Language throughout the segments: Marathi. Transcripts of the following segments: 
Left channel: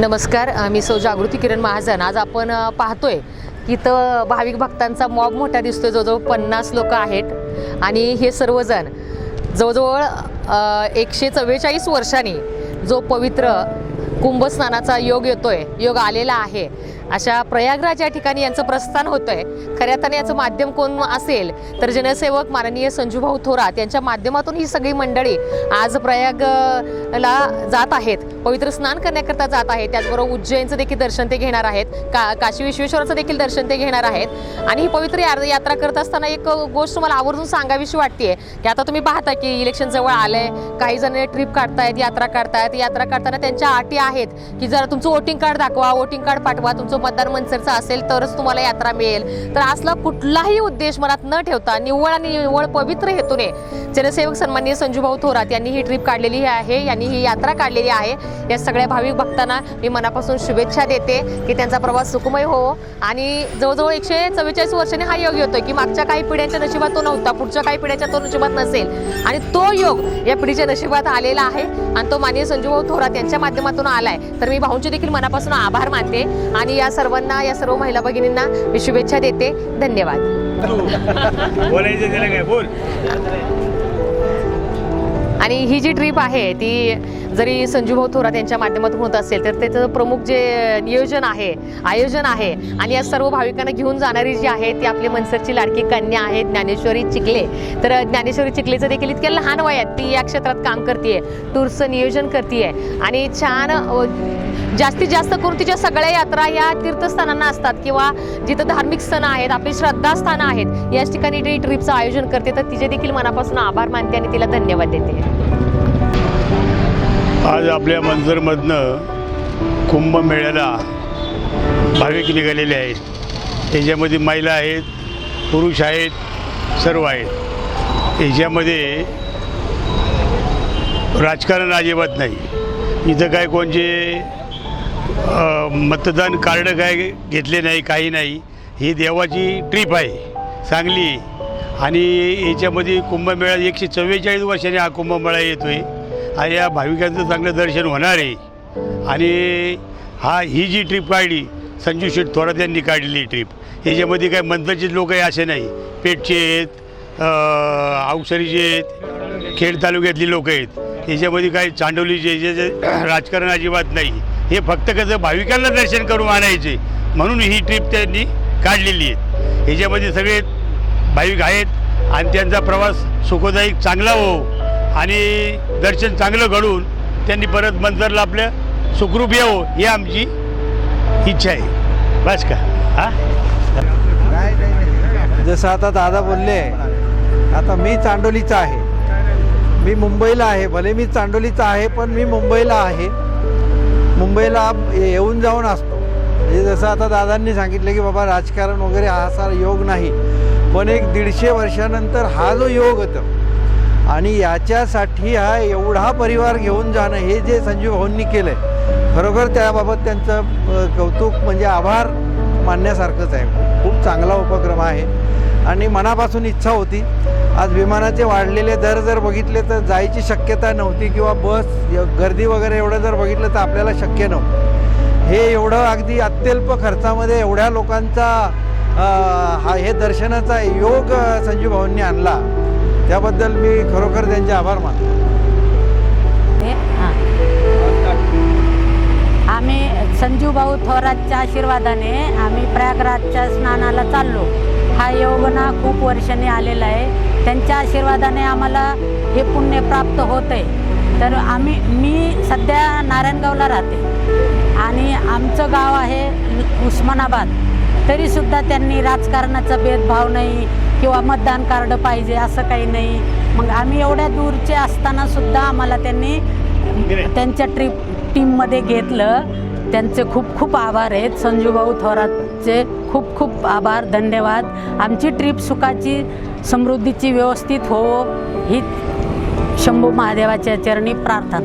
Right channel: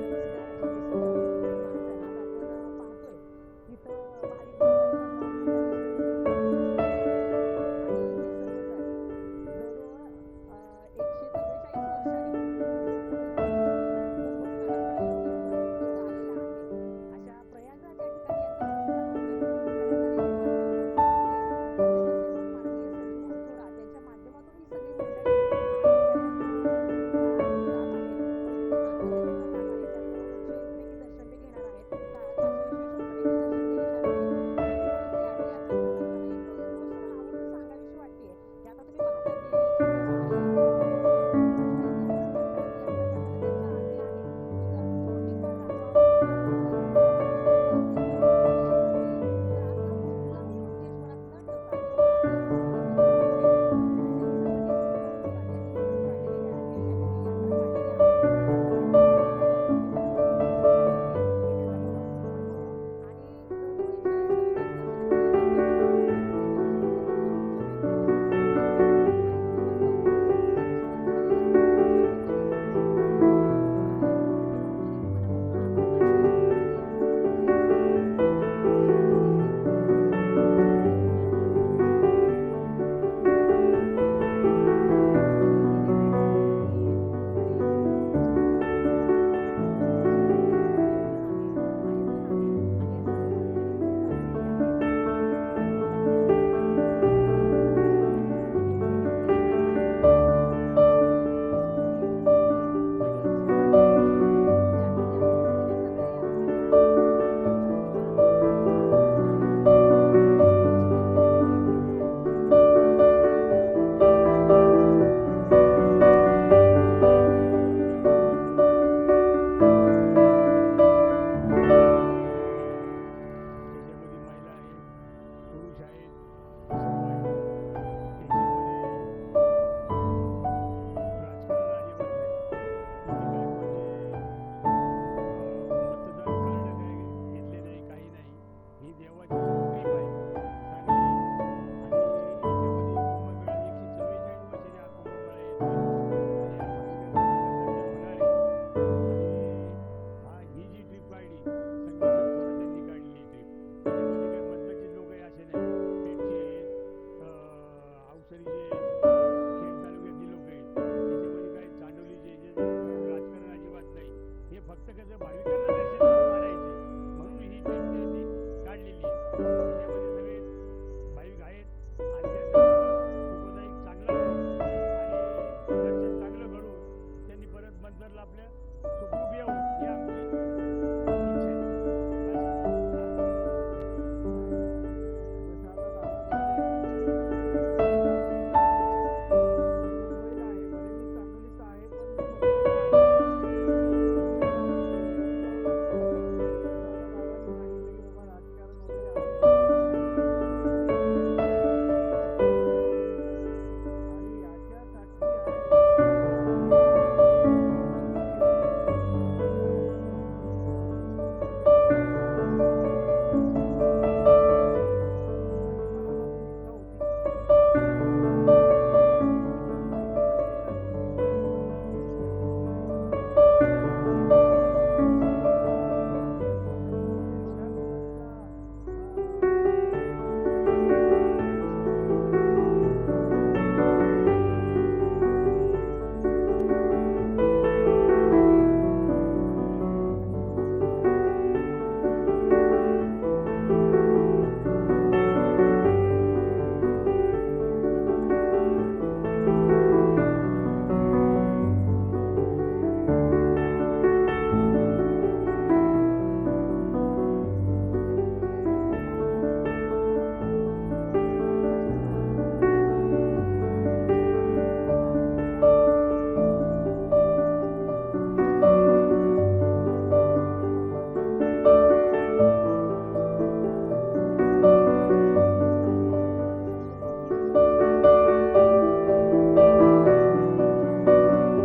नमस्कार, मी सौ जागृती किरण महाजन। आज आपण पाहतोय की इथं भाविक भक्तांचा मॉब मोठा दिसतोय। जवळजवळ 50 लोक आहेत आणि हे सर्वजण जवळजवळ 144 वर्षांनी जो पवित्र कुंभस्नानाचा योग येतोय, योग आलेला आहे, अशा प्रयागराज या ठिकाणी यांचं प्रस्थान होतंय। खऱ्या अर्थाने याचं माध्यम कोण असेल तर जनसेवक माननीय संजूभाऊ थोरात यांच्या माध्यमातून ही सगळी मंडळी आज प्रयागला जात आहेत, पवित्र स्नान करण्याकरता जात आहेत। त्याचबरोबर उज्जैनचं देखील दर्शन ते घेणार आहेत, काशी विश्वेश्वराचं देखील दर्शन ते घेणार आहेत। आणि ही पवित्र यात्रा करत असताना एक गोष्ट मला आवर्जून सांगावीशी वाटते की आता तुम्ही पाहता की इलेक्शन जवळ आलंय, काही जण ट्रिप काढतायत, यात्रा काढतायत। यात्रा काढताना त्यांच्या अटी आहेत की जरा तुमचं वोटिंग कार्ड दाखवा, वोटिंग कार्ड पाठवा, तुमचं मतदार मनसरचं असेल तरच तुम्हाला यात्रा मिळेल। तर असला कुठलाही उद्देश मनात न ठेवता निव्वळ आणि निव्वळ पवित्र हेतूने जनसेवक सन्माननीय संजूभाऊ थोरात यांनी ही ट्रिप काढलेली आहे, यांनी ही यात्रा काढलेली आहे। या सगळ्या भाविक भक्तांना मी मनापासून शुभेच्छा देते की त्यांचा प्रवास सुखमय हो। आणि जवळजवळ 144 वर्षांनी हा योग येतोय की मागच्या काही पिढ्यांच्या नशिबात तो नव्हता, पुढच्या काही पिढ्यांच्या तो नशिबात नसेल आणि तो योग या पिढीच्या नशिबात आलेला आहे आणि तो माननीय संजूभाऊ थोरात यांच्या माध्यमातून आलाय। तर मी भाऊंचे देखील मनापासून आभार मानते आणि या सर्वांना, या सर्व महिला भगिनींना मी शुभेच्छा देते। धन्यवाद। आणि ही जी ट्रिप आहे ती जरी संजूभाऊ थोरात यांच्या माध्यमातून होत असेल तर त्याचं प्रमुख जे नियोजन आहे, आयोजन आहे आणि या सर्व भाविकांना घेऊन जाणारी जी आहे ती आपली मनसरची लाडकी कन्या आहे ज्ञानेश्वरी चिखले। तर ज्ञानेश्वरी चिखलेचं देखील इतक्या लहान वयात ती या क्षेत्रात काम करते, टूरचं नियोजन करते आणि छान जास्तीत जास्त करून तिच्या सगळ्या यात्रा या तीर्थस्थानांना असतात किंवा जिथं धार्मिक स्थळं आहेत, आपली श्रद्धास्थानं आहेत, याच ठिकाणी ती ट्रिपचं आयोजन करते। तर तिचे देखील मनापासून आभार मानते आणि तिला धन्यवाद देते। आज आपल्या मनसरमधनं कुंभमेळ्याला भाविक निघालेले आहेत। याच्यामध्ये महिला आहेत, पुरुष आहेत, सर्व आहेत। याच्यामध्ये राजकारण अजिबात नाही। इथं काय कोणचे मतदान कार्ड काय घेतले नाही, काही नाही। ही देवाची ट्रीप आहे, चांगली। आणि याच्यामध्ये कुंभमेळा 144 वर्षांनी हा कुंभमेळा येतोय आणि या भाविकांचं चांगलं दर्शन होणार आहे। आणि ही जी ट्रीप काढली संजू शेठ थोरात यांनी काढलेली ट्रिप। याच्यामध्ये काय मंत्रचित लोक आहे असे नाही, पेठचे आहेत, अवसरीचे आहेत, खेड तालुक्यातली लोक आहेत। याच्यामध्ये काही चांडवलीचे जे राजकारण अजिबात नाही। हे फक्त कसं भाविकांना दर्शन करून आणायचे म्हणून ही ट्रिप त्यांनी काढलेली आहे। याच्यामध्ये सगळे भाविक आहेत आणि त्यांचा प्रवास सुखदायक चांगला हो आणि दर्शन चांगलं घडून त्यांनी परत मंतरला आपल्या सुखरूप यावं ही आमची इच्छा आहे। बस का? हां, जसं आता दादा बोलले, आता मी चांडोलीचा आहे, मी मुंबईला आहे, भले मी चांडोलीचा आहे पण मी मुंबईला आहे, मुंबईला येऊन जाऊन असतो। म्हणजे जसं आता दादांनी सांगितलं की बाबा राजकारण वगैरे हा असा योग नाही, पण एक 150 वर्षानंतर हा जो योग होतो आणि याच्यासाठी हा एवढा परिवार घेऊन जाणं, हे जे संजू भाऊंनी केलं आहे, खरोखर त्याबाबत त्यांचं कौतुक म्हणजे आभार मानण्यासारखंच आहे। खूप चांगला उपक्रम आहे आणि मनापासून इच्छा होती। आज विमानाचे वाढलेले दर जर बघितले तर जायची शक्यता नव्हती किंवा बस गर्दी वगैरे एवढं जर बघितलं तर आपल्याला शक्य नव्हतं। हे एवढं अगदी अत्यल्प खर्चामध्ये एवढ्या लोकांचा हे दर्शनाचा योग संजू भाऊंनी आणला, त्याबद्दल मी खरोखर त्यांचे आभार मानतो। आम्ही संजू भाऊ थोरातच्या आशीर्वादाने आम्ही प्रयागराजच्या स्नानाला चाललो। हा योग ना खूप वर्षांनी आलेला आहे, त्यांच्या आशीर्वादाने आम्हाला हे पुण्य प्राप्त होत आहे। तर मी सध्या नारायणगावला राहते आणि आमचं गाव आहे उस्मानाबाद, तरीसुद्धा त्यांनी राजकारणाचा भेदभाव नाही किंवा मतदान कार्ड पाहिजे असं काही नाही। मग आम्ही एवढ्या दूरचे असतानासुद्धा आम्हाला त्यांनी त्यांच्या टीममध्ये घेतलं। त्यांचे खूप खूप आभार आहेत, संजू भाऊ थोरातचे खूप खूप आभार, धन्यवाद। आमची ट्रिप सुखाची समृद्धीची व्यवस्थित हो ही शंभू महादेवाच्या चरणी प्रार्थना।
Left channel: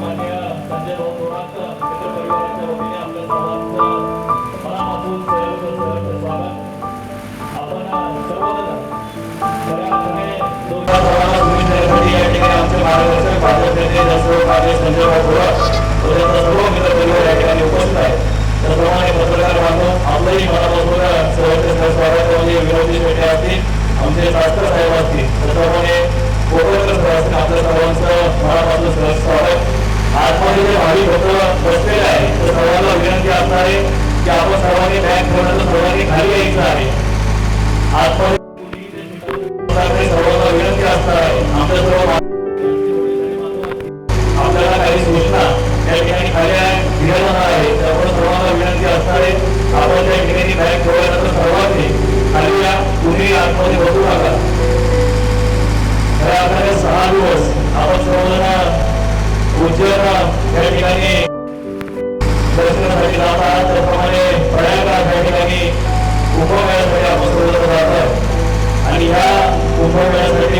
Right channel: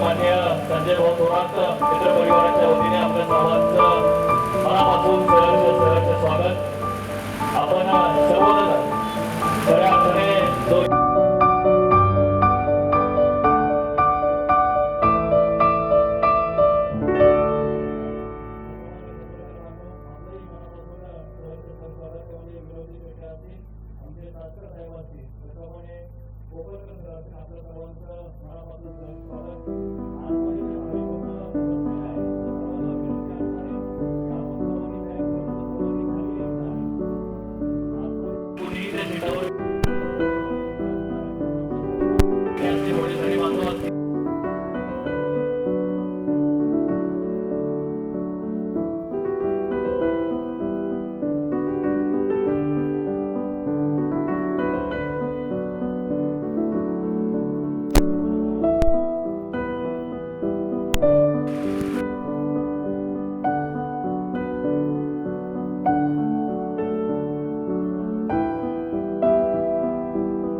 मान्य संजय भाऊ थोरात मित्र परिवाराच्या वतीने आपल्या सर्वांचं मनापासून सहर्ष स्वागत। आपण सर्वजण खऱ्या अर्थाने जो या ठिकाणी आमचे मार्गदर्शक संजय भाऊ थोरात व त्यांचा सर्व मित्र परिवार या ठिकाणी उपस्थित आहे। त्याप्रमाणे पत्रकार बांधव आपलंही मनापासून सहर्ष स्वागत म्हणजे विनोदी पेठे असतील, आमचे शास्त्र साहेब असतील, त्याप्रमाणे आपल्या सर्वांचं मनापासून सहर्ष स्वागत। आजमध्ये जे भाविक भक्त बसलेले आहे तर सर्वांना विनंती असणार आहे की आपण सर्वांनी बॅग ठेवण्याचं सर्वांनी खाली यायचं आहे। आजमध्ये सर्वांना विनंती असणार आहे आपल्या सर्व आपल्याला काही सूचना त्या ठिकाणी खाली दिल्या जाणार आहे, त्यामुळे सर्वांना विनंती असणार आहे आपण त्या ठिकाणी बॅग ठेवल्यानंतर सर्वांनी खाली या, कुणी आतमध्ये बसू नका। 6 दिवस आपण सर्वजण उज्जैन या ठिकाणी दर्शनासाठी जात आहात, त्याप्रमाणे प्रयागराज या ठिकाणी कुंभमेळ्यासाठी आपण सर्वजण जात आहोत आणि ह्या कुंभमेळ्यासाठी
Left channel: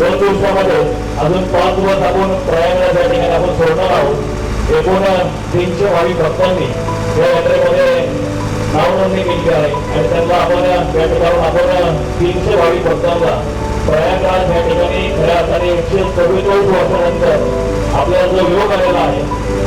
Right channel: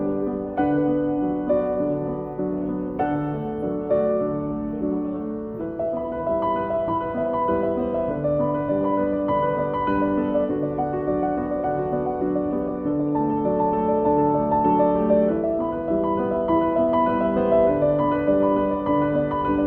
2 दिवसामध्ये अजून 5 दिवस आपण प्रयागराज या ठिकाणी आपण सोडणार आहोत। एकूण 300 भाविक भक्तांनी या यात्रेमध्ये नाव नोंदणी केली आहे आणि त्यांना आपण या ठिकाणी आपण 300 भाविक भक्तांना प्रयागराज या ठिकाणी खऱ्या अर्थाने 144 वर्षानंतर आपल्याला जो योग आलेला आहे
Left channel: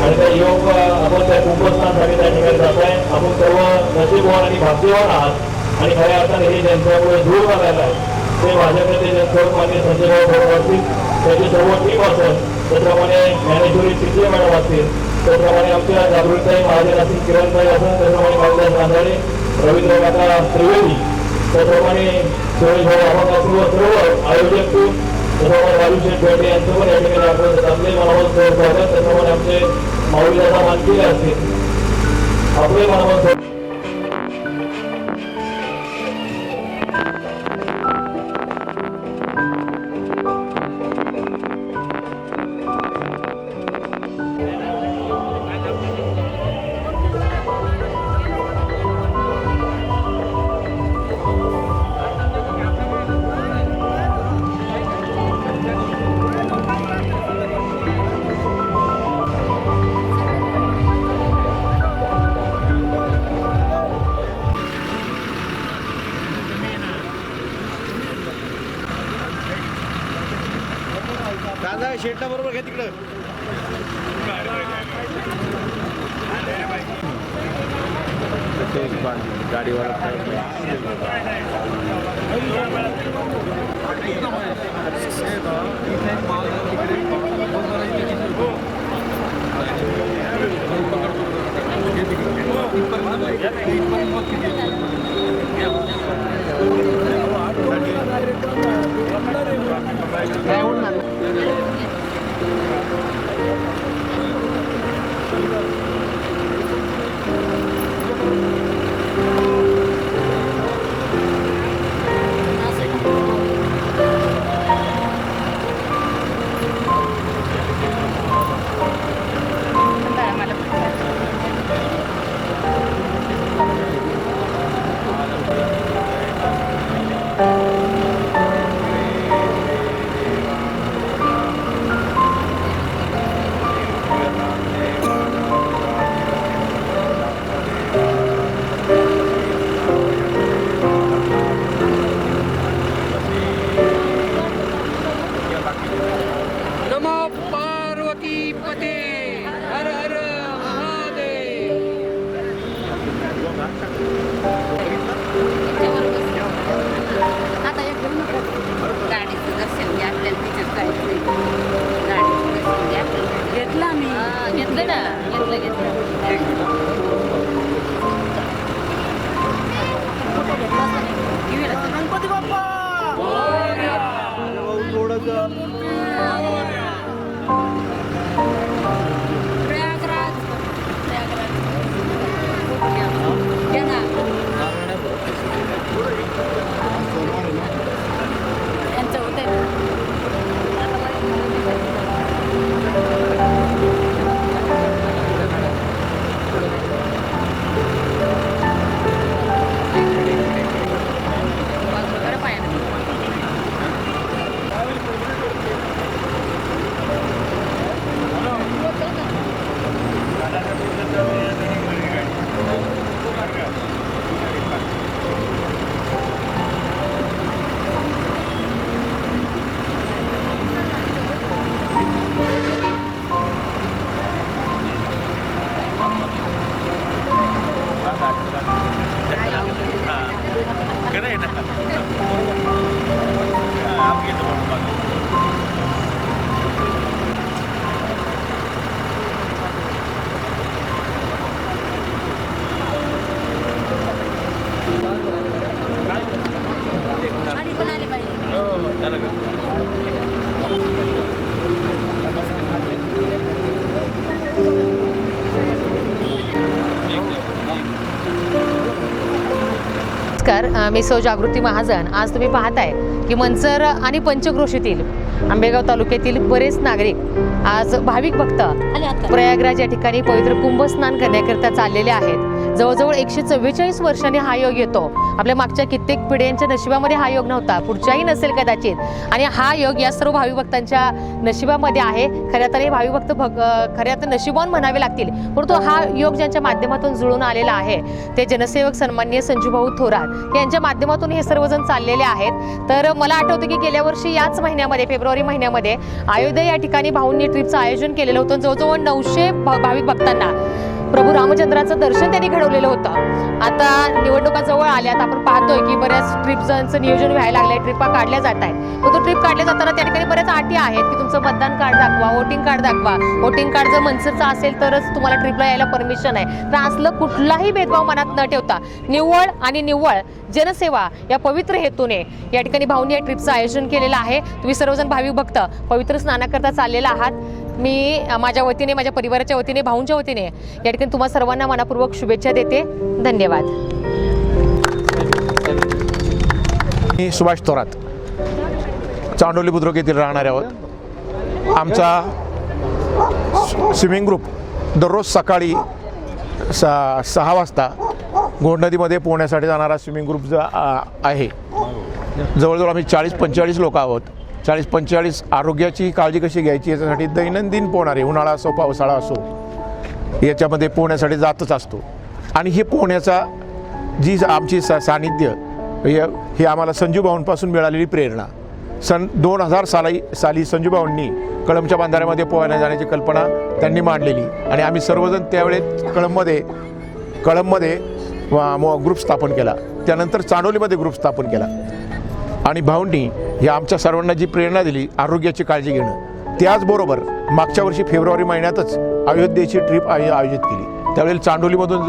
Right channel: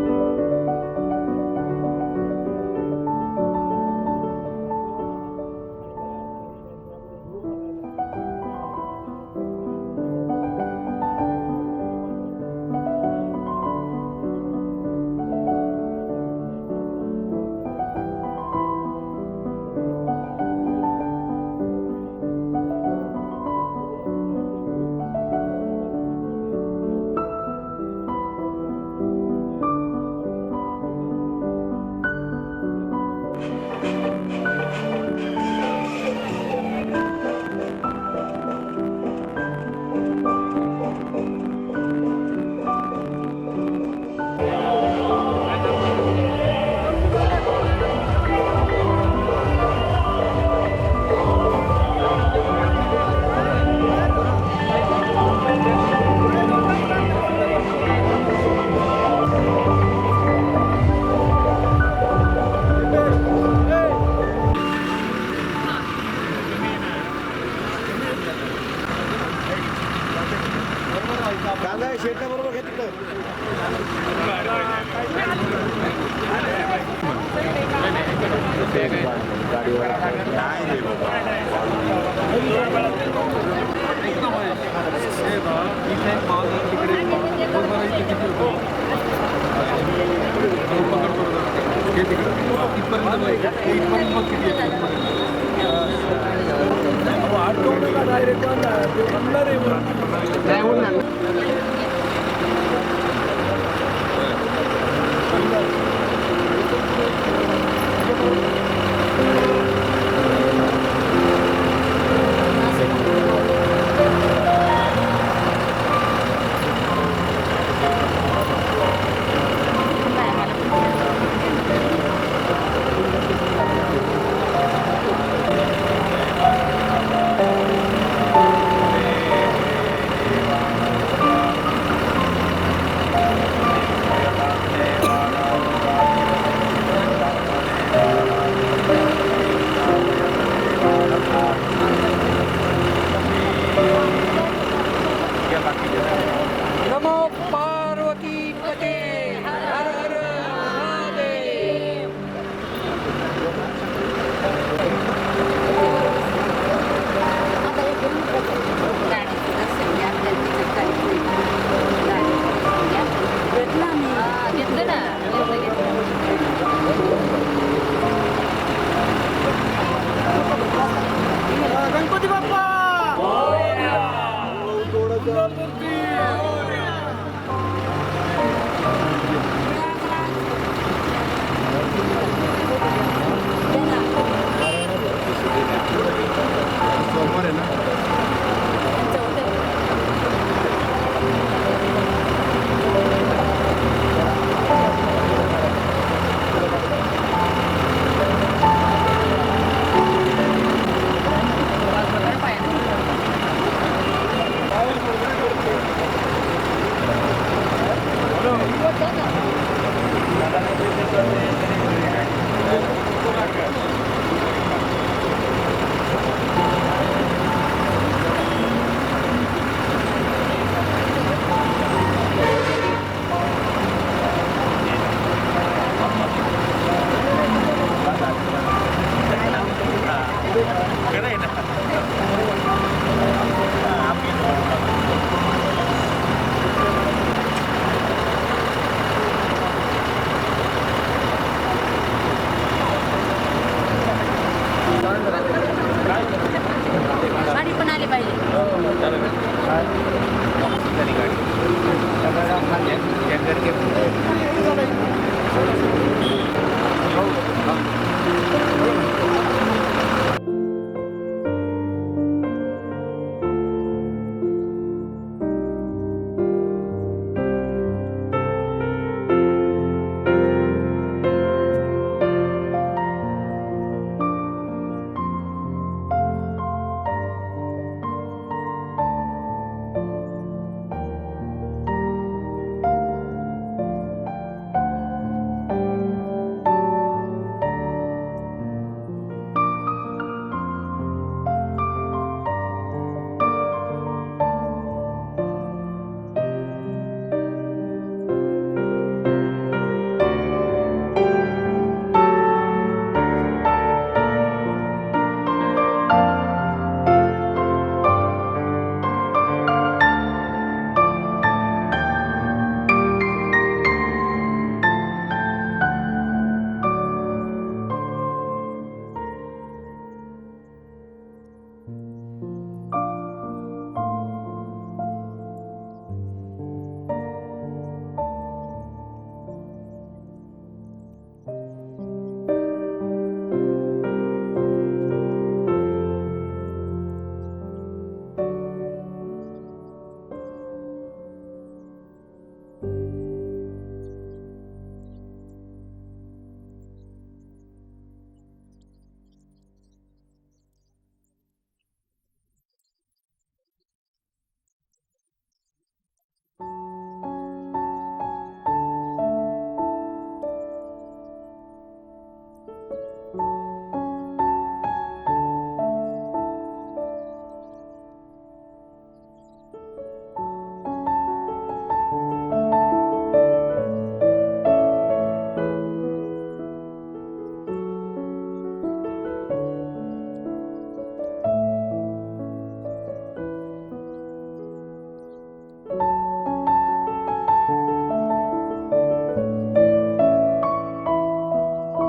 आणि त्या योग आपण त्या कुंभस्नानासाठी त्या ठिकाणी जात आहे. आपण सर्व नशीबवान आणि भाग्यवान आहात आणि खऱ्या अर्थाने हे ज्यांच्यामुळे दूर आलेलं आहे ते माझ्याकडे सर्वमान्य संजय भाऊ असतील, त्याची सर्व टीम असेल, त्याप्रमाणे ज्ञानेश्वरी चिखले मॅडम असतील, त्याप्रमाणे आमच्या जागृतीताई महाजन असतील, किरणताई असेल, त्याप्रमाणे कालिदास रांधाडे, रवींद्र काका त्रिवेदी, त्याप्रमाणे सुरेश भाऊ अभंग सर्व आयोजक टीम, त्याप्रमाणे राजूशेठ पेटे यांचं पण या ठिकाणी आपण आपले मनावर स्वागत. त्याप्रमाणे आमचे माऊलीदादा मानकेले असतील, आपले मनावर दादा शेटा बरोबर घ्या तिकडं. नमस्कार, मी सौ जागृती महाजन. आज तुम्ही पाहताय की मंचर आणि पंचक्रोशीतील आंबेगाव तालुक्यातील बरेच नागरिक आज भाविक भक्त प्रयागराज या ठिकाणी पवित्र कुंभ स्नान करण्याकरता चाललेले आहेत. जवळजवळ 144 वर्षांनी हा योग येतो. आपल्या मागच्या कित्येक पिढ्यांच्या नशिबामध्ये हा योग नव्हता, पुढच्याही नसेल कदाचित, आणि हा योग या सर्व भाविक भक्तांच्या नशिबामध्ये आहे. खऱ्या तर हे भाविक भक्त खऱ्या तर नशिबान म्हणावे लागतील, परंतु हा योग ज्यांच्या माध्यमातून जुळून आलेला आहे ते जनसेवक सन्माननीय संजूभाऊ थोरात यांच्या माध्यमातून हे सर्वजण चाललेले आहेत. तर मला आठवतं की गेल्या वर्षी याच महिन्यामध्ये, फेब्रुवारी महिन्यामध्ये अयोध्या या ठिकाणी भाऊंनी ट्रिपचं आयोजन केलेलं होतं. जवळजवळ 900 भाविक भक्तांना प्रभू रामचंद्राचं दर्शन त्यांनी घडवलेलं होतं. आता निवडणुका जवळ आल्यात, आपण पाहतोय की बऱ्याच ट्रिपचं नियोजन व्हायला लागलंय, ट्रिपा काढल्या जात आहेत. परंतु ट्रिप काढल्या जाताना त्या ठिकाणी बऱ्याच अटी आहेत की तुमचं मतदान कार्ड दाखवा, वोटिंग कार्ड दाखवा. वोटिंग कार्ड जर मनसेचं असेल तरच तुम्हाला ट्रिपला यायला परमिशन आहे. तर असलं कुठलाही भेदभाव मनात न ठेवता निव्वळ आणि निव्वळ जनसेवा या पवित्र हेतूने या ठिकाणी भाऊंनी या ट्रिपचं आयोजन केलेलं आहे. तुम्ही सर्वजण भाविक भक्त पवित्र स्नानाकरता चाललेला आहात. मी माझ्या वतीने, माझ्या परिवाराच्या वतीने, भाऊंच्या वतीने या ठिकाणी तुम्हा सर्वांना मनापूर्वक शुभेच्छा देते. धन्यवाद. मी सुभाष थोरात, चांडोली बुद्रुक येथील राहणारे आहोत. आमचा स्विमिंग ग्रुप दररोज सकाळी 6 वाजता गोंड नदीमध्ये पोहण्यासाठी जाणारा स्विमिंग ग्रुप जो आहे. जवळजवळ आम्ही 40-45 लोक आहोत. 40-45 आरोग्याची काळजी कशी घ्यायची याच्यासाठी दैनंदिन पोहणारे, उन्हाळा असो पावसाळा असो, याच्यामध्ये पोहण्यासाठी जातच असतो. आणि हे पोहण्याचा जी आमची सानिध्य हे आम्हाला संजूभाऊंपासून मिळालेली प्रेरणा. सन 2000 साली संजूभाऊंनी कळंबच्या बंधाऱ्यामध्ये पोहायला जाण्याची कल्पना त्यांनी मांडलेली आणि आम्ही सर्वजण त्यावेळेस कळंबमध्ये ग्रुप स्थापन केला. त्यानंतर चांडोलीमध्ये ग्रुप स्थापन केला आणि भाऊंनी ही आमच्या सर्वांना जी प्रेरणा दिली आरोग्याची काळजी घेणं. त्याचबरोबर मागच्या वर्षी फेब्रुवारी महिन्यातच अयोध्येची ट्रिप आयोजित केली. त्यावेळेला चांडोलीमधून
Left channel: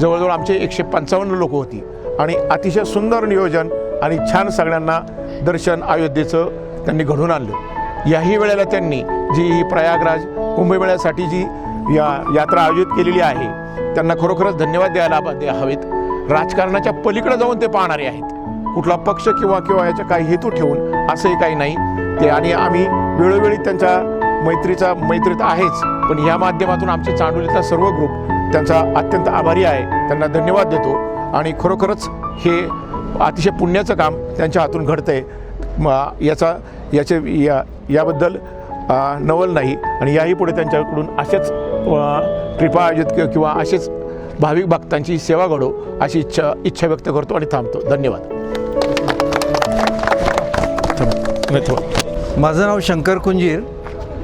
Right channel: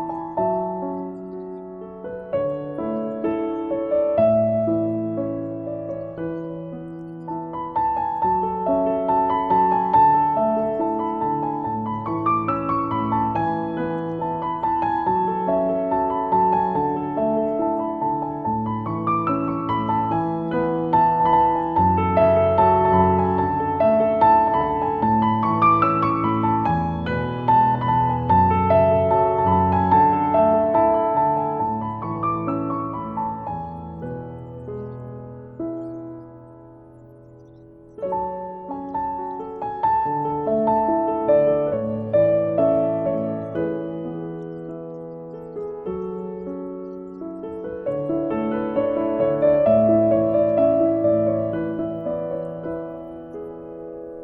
जवळजवळ आमचे 155 लोक होती आणि अतिशय सुंदर नियोजन आणि छान सगळ्यांना दर्शन अयोध्येचं त्यांनी घडवून आणलं. याही वेळेला त्यांनी जी प्रयागराज कुंभमेळ्यासाठी जी यात्रा आयोजित केलेली आहे त्यांना खरोखरच धन्यवाद द्यायला हवेत. राजकारणाच्या पलीकडे जाऊन ते पाहणारे आहेत. कुठला पक्ष किंवा याचा काही हेतू ठेवून असंही काही नाही ते. आणि आम्ही वेळोवेळी त्यांच्या मैत्रीत आहेच, पण या माध्यमातून आमची चांडोलीचा सर्व ग्रुप त्यांचा अत्यंत आभारी आहे. त्यांना धन्यवाद देतो आणि खरोखरच हे अतिशय पुण्याचं काम त्यांच्या हातून घडतंय याबद्दल नवल नाही. आणि याही पुढे त्यांच्याकडून असेच ट्रिपा आयोजित किंवा असेच भाविक भक्तांची सेवा घडो अशी इच्छा व्यक्त करतो आणि थांबतो. धन्यवाद. माझं नाव शंकर कुंजीर,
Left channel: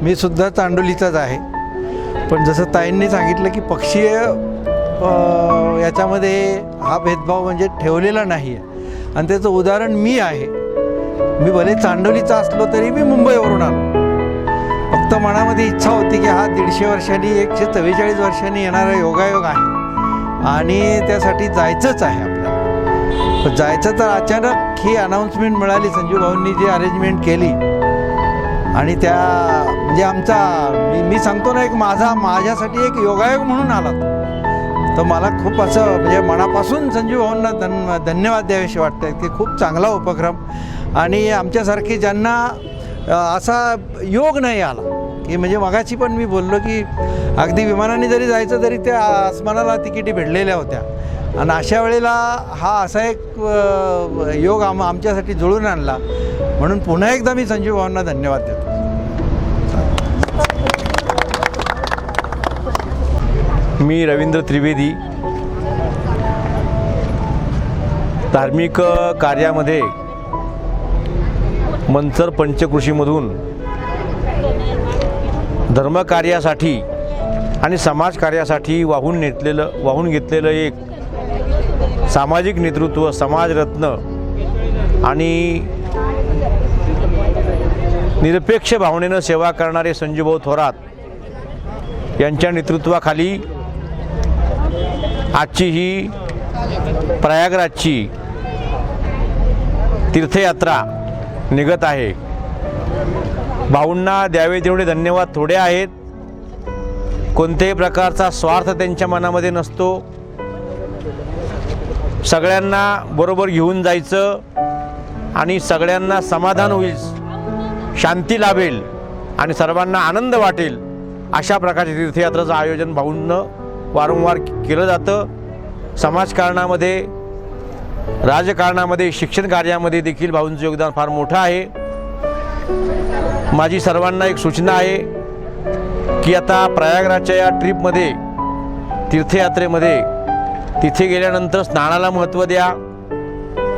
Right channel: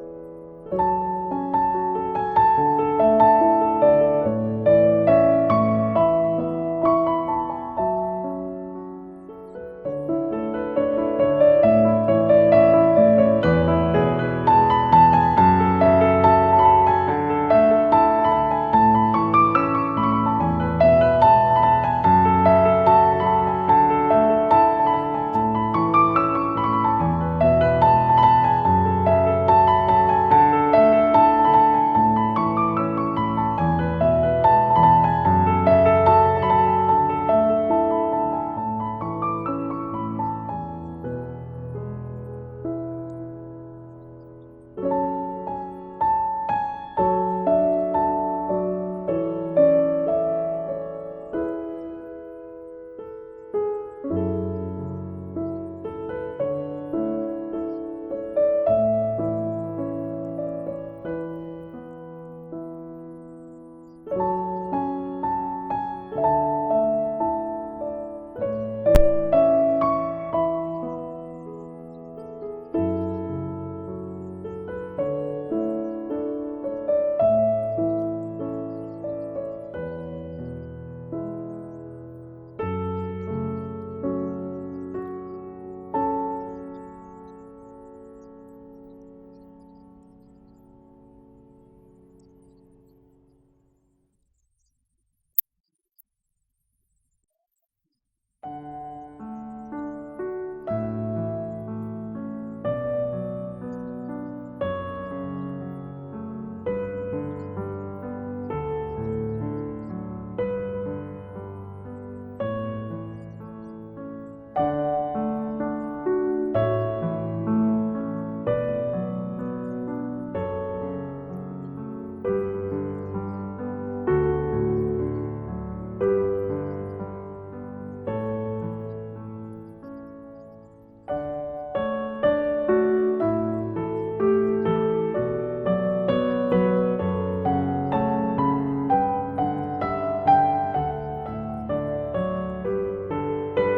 मी सुद्धा चांडोलीचाच आहे. पण जसं ताईंनी सांगितलं की पक्षीय याच्यामध्ये हा भेदभाव म्हणजे ठेवलेला नाही आहे आणि त्याचं उदाहरण मी आहे. मी भले चांडोलीचा असलो तरी मी मुंबईवरून आलो. फक्त मनामध्ये इच्छा होती की हा 150 वर्षांनी 144 वर्षांनी येणारा योगायोग आहे आणि त्यासाठी जायचंच आहे आपल्याला. पण जायचं तर अचानक ही अनाऊन्समेंट मिळाली, संजूभाऊंनी जी अरेंजमेंट केली आणि त्या म्हणजे मी सांगतो ना, एक माझ्यासाठी एक योगायोग म्हणून आला तर मला खूप असं म्हणजे मनापासून संजूभाऊंना धन्यवाद द्यावेसे वाटतं की खूप चांगला उपक्रम. आणि आमच्यासारखे ज्यांना असा योग नाही आला की म्हणजे मगाची पण मी बोललो की अगदी विमानाने जरी जायचं तरी त्या आसमानाला तिकिटी भेटलेल्या होत्या आणि अशा वेळेला हा असा एक योग आमच्यासाठी जुळून आणला. म्हणून पुन्हा एकदा मी संजूभाऊंना धन्यवाद देतो. मी रवींद्र त्रिवेदी, धार्मिक कार्यामध्ये मंचर पंचकृषीमधून धर्मकार्यासाठी आणि समाजकार्यासाठी वाहून घेतलेलं एक सामाजिक नेतृत्व, समाजरत्न आणि निरपेक्ष भावनेनं सेवा करणारे संजूभाऊ थोरात यांच्या नेतृत्वाखाली आजची ही प्रयागराजची तीर्थयात्रा निघत आहे. भाऊंना द्यावे तेवढे धन्यवाद थोडे आहेत. कोणत्याही प्रकारचा स्वार्थ त्यांच्या मनामध्ये नसतो. सगळ्यांना बरोबर घेऊन जायचं आणि सगळ्यांना समाधान होईल, शांती लाभेल आणि सर्वांना आनंद वाटेल अशा प्रकारचे तीर्थयात्रेचं आयोजन भाऊंनं वारंवार केलं जातं. समाजकारणामध्ये, राजकारणामध्ये, शिक्षण कार्यामध्ये देखील भाऊंचं योगदान फार मोठं आहे. माझी सर्वांना एक सूचना आहे की आता प्रयागराजच्या या ट्रीपमध्ये, तीर्थयात्रेमध्ये, तिथे गेल्यानंतर स्नानाला महत्त्व द्या,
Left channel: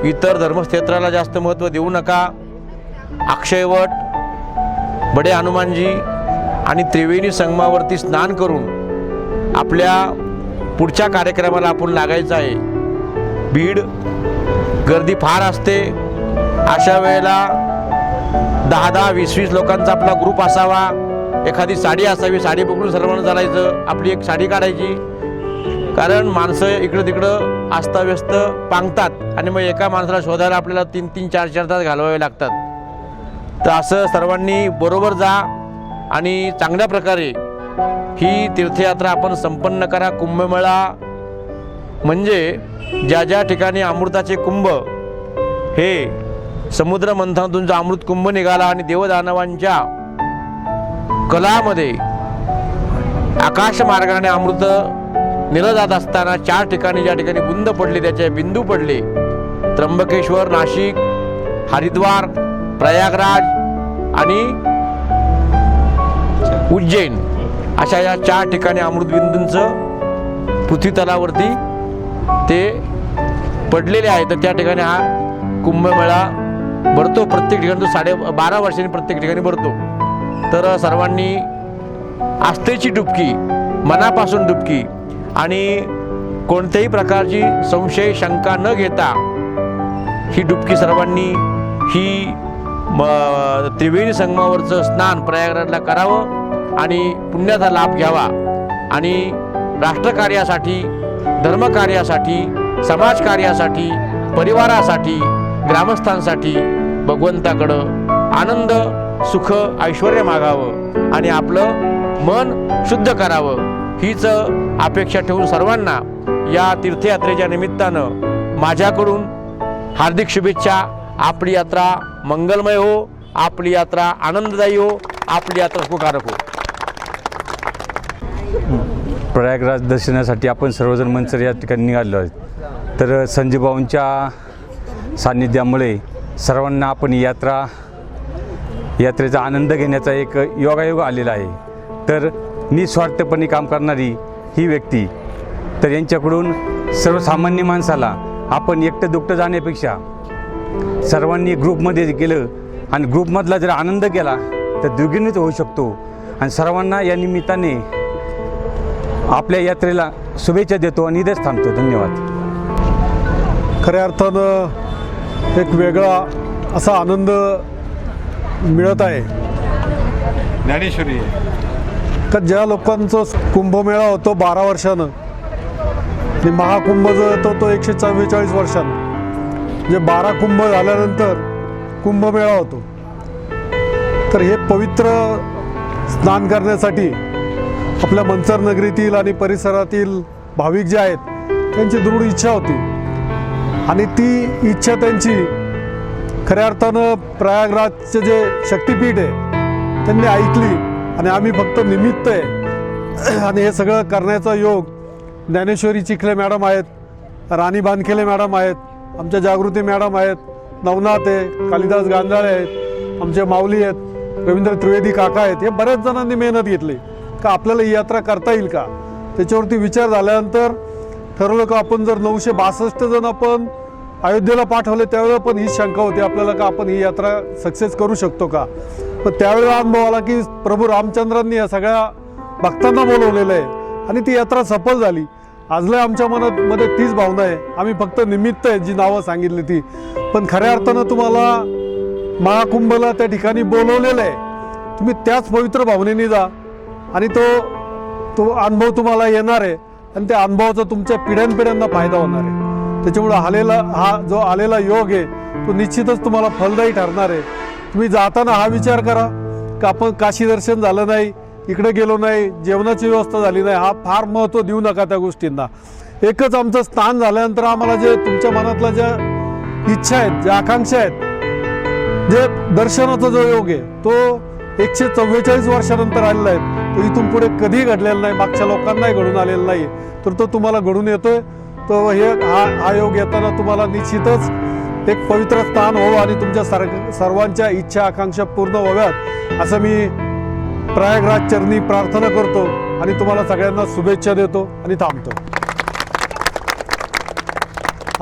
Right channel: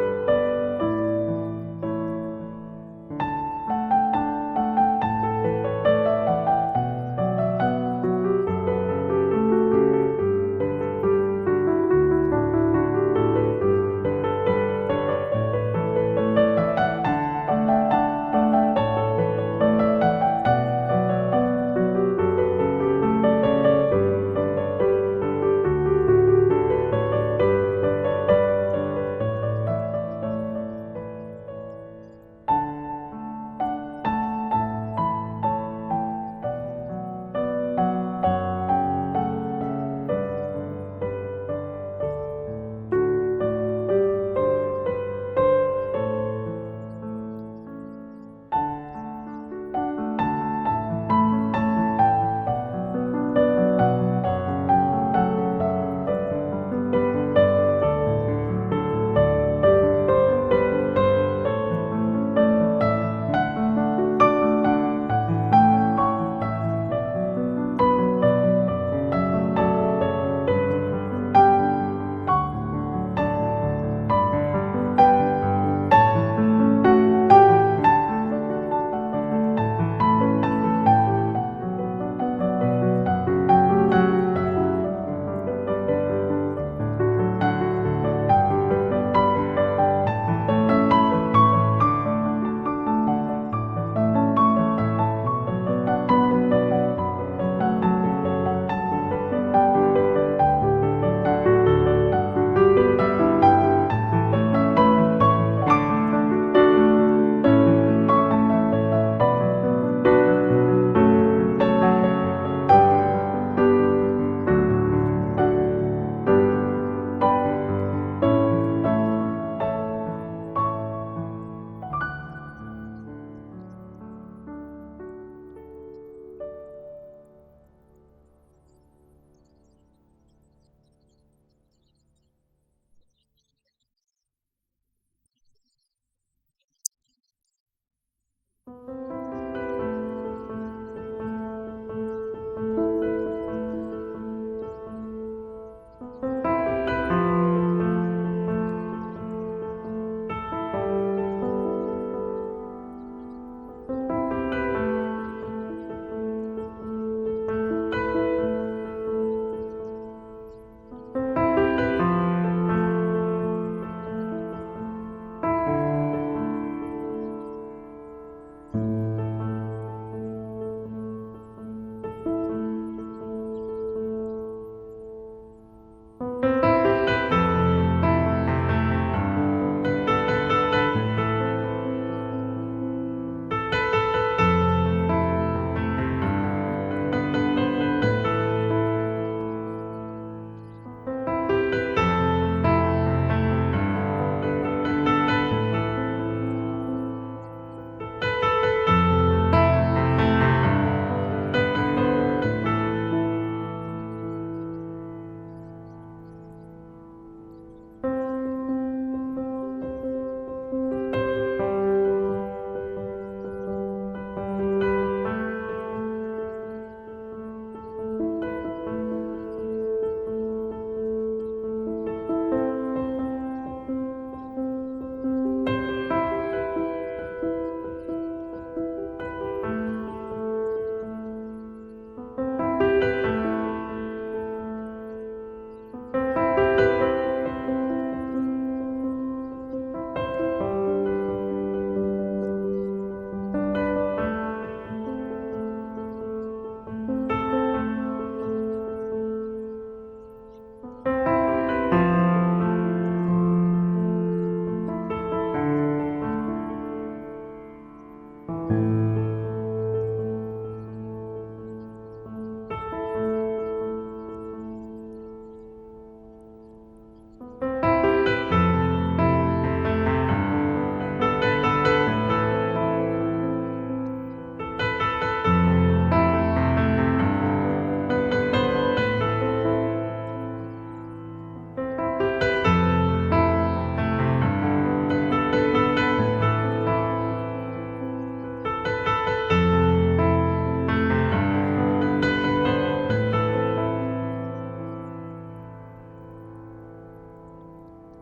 इतर धर्मक्षेत्राला जास्त महत्त्व देऊ नका. अक्षयवट, बडे हनुमानजी आणि त्रिवेणी संगमावरती स्नान करून आपल्या पुढच्या कार्यक्रमाला आपण लागायचं आहे. भीड, गर्दी फार असते. अशा वेळेला 10-10, 20-20 लोकांचा आपला ग्रुप असावा. एखादी साडी असावी, साडी पकडून सर्वांना चालायचं, आपली एक साडी काढायची. कारण माणसं इकडं तिकडं अस्ताव्यस्त पांगतात आणि मग एका माणसाला शोधायला आपल्याला 3-3, 4-4 तास घालवावे लागतात. तर असं सर्वांनी बरोबर जा आणि चांगल्या प्रकारे ही तीर्थयात्रा आपण संपन्न करा. कुंभमेळा म्हणजे ज्या ज्या ठिकाणी अमृताचे कुंभ, हे समुद्र मंथनातून जो अमृत कुंभ निघाला आणि देवदानवांच्या कलामध्ये आकाश मार्गाने अमृत नेलं जात असताना 4 ठिकाणी ज्या ठिकाणी बुंद पडले, त्याचे बिंदू पडले, त्र्यंबकेश्वर, नाशिक, हरिद्वार, प्रयागराज आणि उज्जैन, अशा या 4 ठिकाणी अमृतबिंदूंचं पृथ्वीतलावरती ते पडलेले आहे. तर त्या ठिकाणी हा कुंभमेळा भरतो. प्रत्येक ठिकाणी तो 12.5 वर्षांनी प्रत्येक ठिकाणी भरतो. तर सर्वांनी आस्थेची डुबकी, मनापासून डुबकी आणि कोणत्याही प्रकारची संशय, शंका न घेता ही डुबकी सर्वांनी ही त्रिवेणी संगमावरचं स्नान प्रयागराजला करावं आणि पुण्याचा लाभ घ्यावा आणि राष्ट्रकार्यासाठी, धर्मकार्यासाठी, समाजकार्यासाठी, परिवारासाठी, ग्रामस्थांसाठी भगवंताकडं आनंद, सुख, ऐश्वर्य मागावं आणि आपलं मन शुद्ध करावं, हीच अपेक्षा ठेवून सर्वांना या तीर्थयात्रेच्या निमित्तानं माझ्याकडून हार्दिक शुभेच्छा. आपली यात्रा मंगलमय हो, आपली यात्रा आनंददायी हो, आपली यात्रा सुखकारक हो. प्रयागराज दर्शनासाठी आपण सर्वजण मंचर या ठिकाणी निघालो आहेत. तर संजय भाऊंच्या सान्निध्यामुळे सर्वांना आपण यात्रेचा आनंद घेण्याचा एक योगायोग आलेला आहे. तर निस्वार्थपणे काम करणारी ही व्यक्ती, तर यांच्याकडून सर्वसामान्य माणसाला आपण एकटं दुकटं जाण्यापेक्षा सर्वांनी ग्रुपमध्ये गेलं आणि ग्रुपमधला जर आनंद केला तर द्विगुणित होऊ शकतो. आणि सर्वांना या निमित्ताने आपल्या यात्रेला शुभेच्छा देतो आणि इथेच थांबतो. धन्यवाद. खऱ्या अर्थानं एक वेगळा असा आनंद मिळत आहे. ज्ञानेश्वरी का ज्या लोकांचं कुंभमेळा होतो 12 वर्षानं आणि महाकुंभ जो होतो तो 144 वर्षानं, जे 12 कुंभ झाल्यानंतर कुंभमेळा होतो. तर हे पवित्र स्नान करण्यासाठी आपल्या मंचर नगरीतील आणि परिसरातील भाविक जे आहेत त्यांची दृढ इच्छा होती आणि ती इच्छा त्यांची खऱ्या अर्थानं प्रयागराजचे जे शक्तिपीठ आहे त्यांनी ऐकली आणि आम्ही फक्त निमित्त आहे. आणि हे सगळं करण्याचा योग ज्ञानेश्वरी चिखले मॅडम आहेत, राणी बानखेले मॅडम आहेत, आमच्या जागृती मॅडम आहेत, नवनाथ आहे, कालिदास गांजाळे आहेत, आमचे माऊली आहेत, रवींद्र त्रिवेदी काका आहेत. हे बऱ्याच जणांनी मेहनत घेतली का आपल्याला ही यात्रा करता येईल का. त्याच्यावरती विचार झाल्यानंतर ठरवलं का आपण जर 962 जण आपण अयोध्येला पाठवले त्यावेळेला पण ही शंका होती आपल्याला का आपण ही यात्रा सक्सेस करू शकतो का. पण त्यावेळेला अनुभव आला की प्रभू रामचंद्रांनी या सगळ्या भक्तांना बोलवलेलं आहे आणि ती यात्रा सफल झाली. आजला आमच्या मनामध्ये तीच भावना आहे. आम्ही फक्त निमित्त आहे जी नावं सांगितली ती, पण खऱ्या अर्थानं तुम्हाला महाकुंभला त्या ठिकाणी बोलवलेलं आहे. तुम्ही त्याच पवित्र भावनेने जा आणि तो अनुभव तुम्हाला येणार आहे आणि त्या अनुभवाचा तुमच्या पिढ्यानपिढ्यांना फायदा होणार आहे. त्याच्यामुळे हा जो आलेला योग आहे तो निश्चितच तुम्हाला फलदायी ठरणार आहे. तुम्ही जाताना हा विचार करा का आपण काशी दर्शन झालं नाही, इकडे गेलो नाही, जेवणाची व्यवस्था झाली नाही, हा फार महत्त्व देऊ नका त्या गोष्टींना. एकच आमचं स्थान झाल्यानंतर आम्हाला जे तुमच्या मनातल्या ज्या इच्छा आहेत, ज्या आकांक्षा आहेत, जे दर्शनाचा जो योग आहे तो 144 वर्षानंतर आलेला आहे. तो इथून पुढे कधीही घडलेला नाही, मागच्या लोकांनाही घडून आलेला नाही, तर तो तुम्हाला घडून येतोय. तर हा योग येताना तुम्हाला निश्चितच एक पवित्र स्थान हो आणि तुमच्या सर्वांच्या इच्छा आकांक्षा पूर्ण व्हाव्यात असं मी प्रयागराज चरणी प्रार्थना करतो आणि तुम्हाला सगळ्यांना शुभेच्छा देतो आणि थांबतो.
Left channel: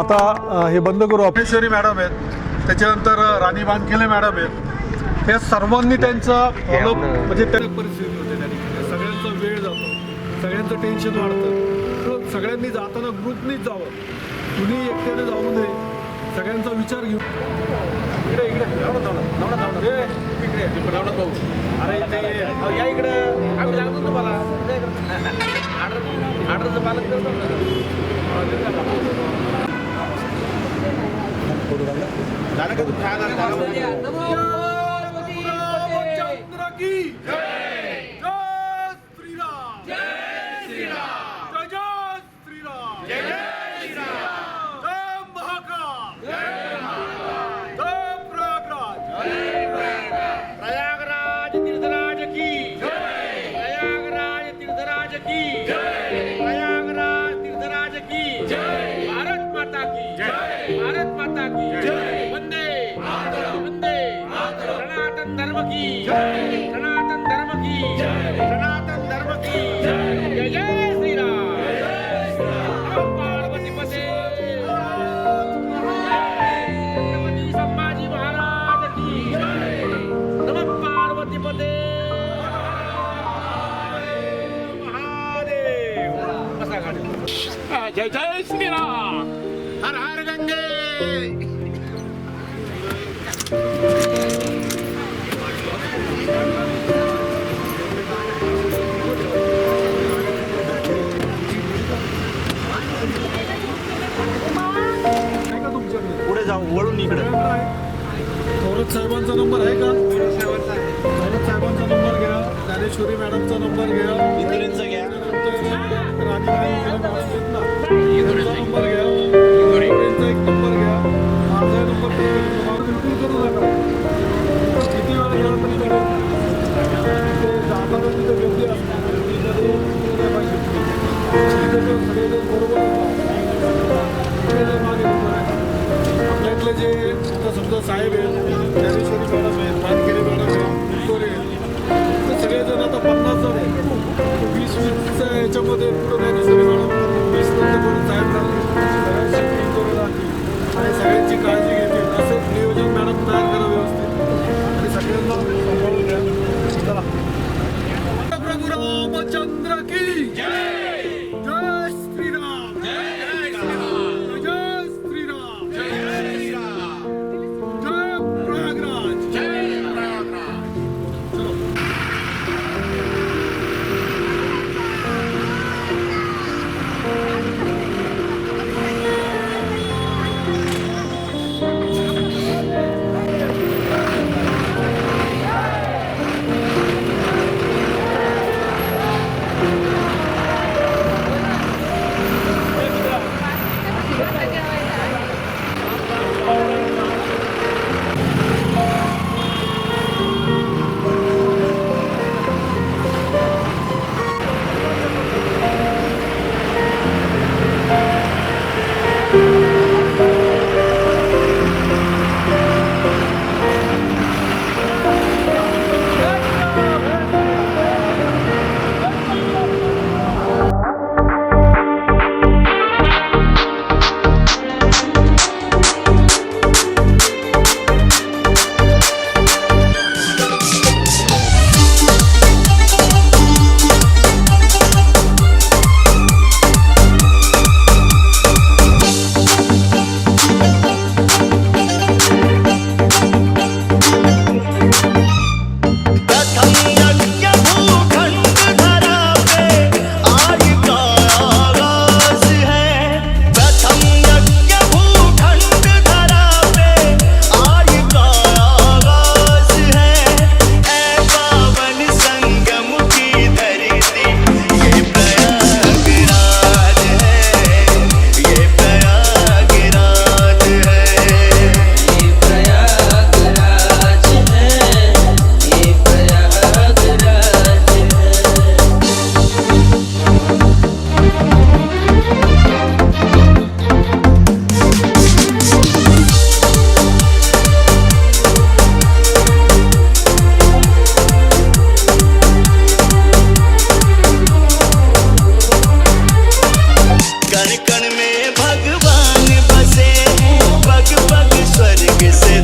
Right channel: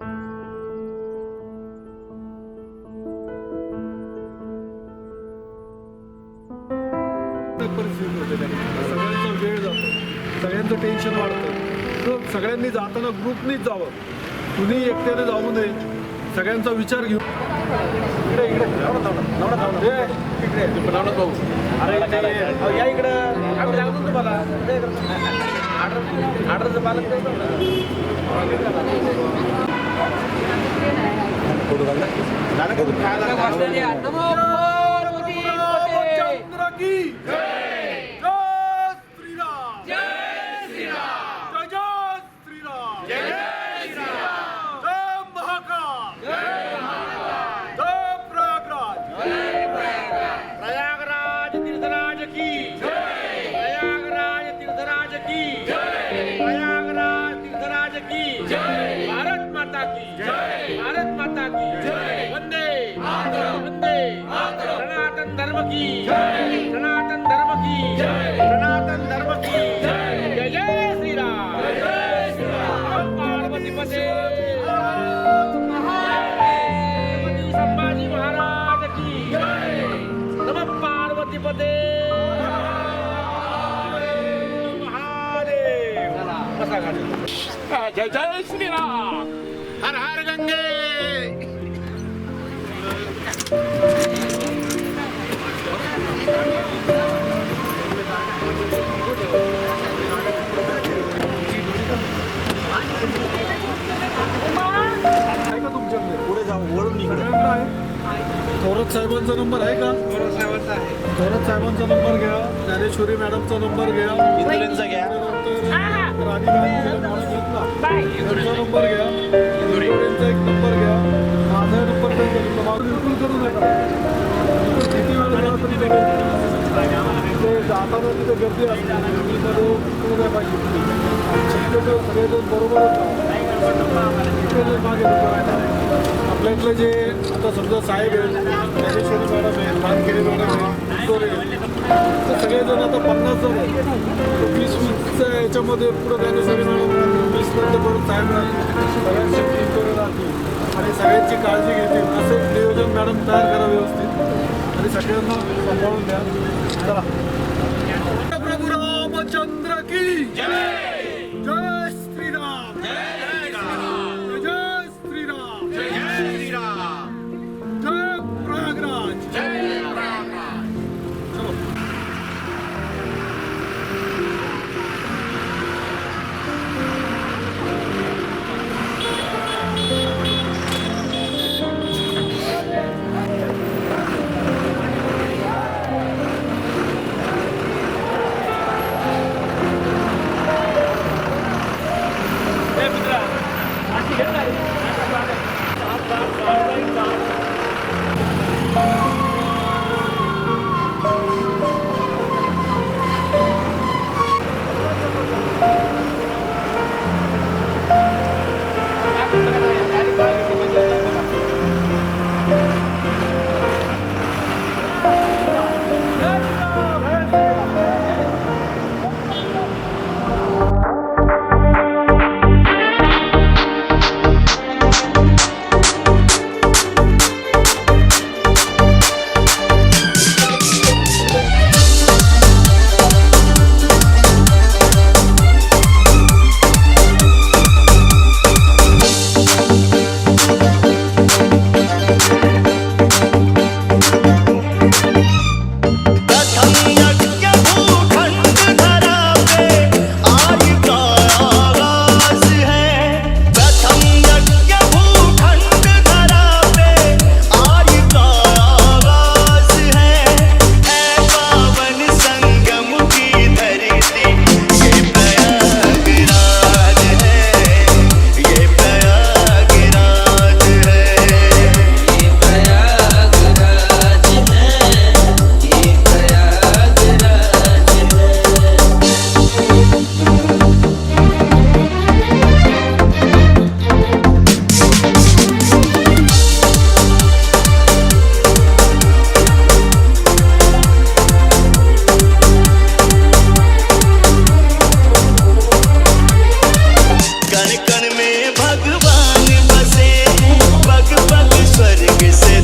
आता हे बंद करू. ऑफिसरी मॅडम आहेत, त्याच्यानंतर राणी वानखेले मॅडम आहेत. हे सर्वांनी त्यांचा म्हणजे त्या परिस्थिती होते, सगळ्यांचा वेळ जातो, सगळ्यांचं टेन्शन वाढतं. तर सगळ्यांनी जाताना ग्रुपनीच जावं, कुणी एकट्याने जाऊ नये, सगळ्यांचा विचार घेऊ. इकडे इकडे भाऊ अरे या इकडं आम्ही सांगतो तुम्हाला ऑर्डरचं पालन करतो. भारत माता की वंदे वंदे सनातन धर्म की सनातन धर्म की सनातन धर्म की जय जय श्री राम. पार्वती पते छत्रपती संभाजी महाराज की नमः. पार्वती पते महादेव. कसा गाडी. जय जय श्री राम. हर हर गंगे. पुढे जाऊ वळून इकडे थोरात साहेबांचा नंबर आहे का? थोरात साहेबांचा नंबर घ्या, ज्ञानेश्वरी मॅडमचा नंबर घ्या, राणी वानखेले मॅडम आहेत ना त्यांचा नंबर घ्या, इंदोरींचा एक नंबर घ्या, माझा नंबर बिलकुल करू नका. किती वेळ गेला तरी चालेल. ते जाताना तिथे गर्दी असते, गर्दीमध्ये पाहिजे तिथे तो सगळेजण बरोबरच इकडे मागे आपल्यातले जे आता समजा साहेब आहेत, ज्ञानेश्वरी मॅडम आहेत, वानखेले मॅडम आहेत, इंदोरे आहेत, तर सगळेजण आता 50 जण आहेत. 20-20च्या याच्यामध्ये पुढं ज्ञानेश्वरी मॅडम राहतील, 20 नंतर परत साहेब राहतील, सगळ्यांसाठी इंदोरे राहतील आणि सगळ्यांची काळजी घेतील. असे नियोजन मॅडम तयार करा व्यवस्थित आणि सगळ्यांना सांभाळून द्या. चला. प्रभू रामचंद्र की जय. जय श्रीराम. जय श्रीराम. जय श्रीराम. जय श्रीराम. जय प्रयागराज. जय प्रयागराज. चलो. में भगवान बसे हैं, पग पग स्वर्ग से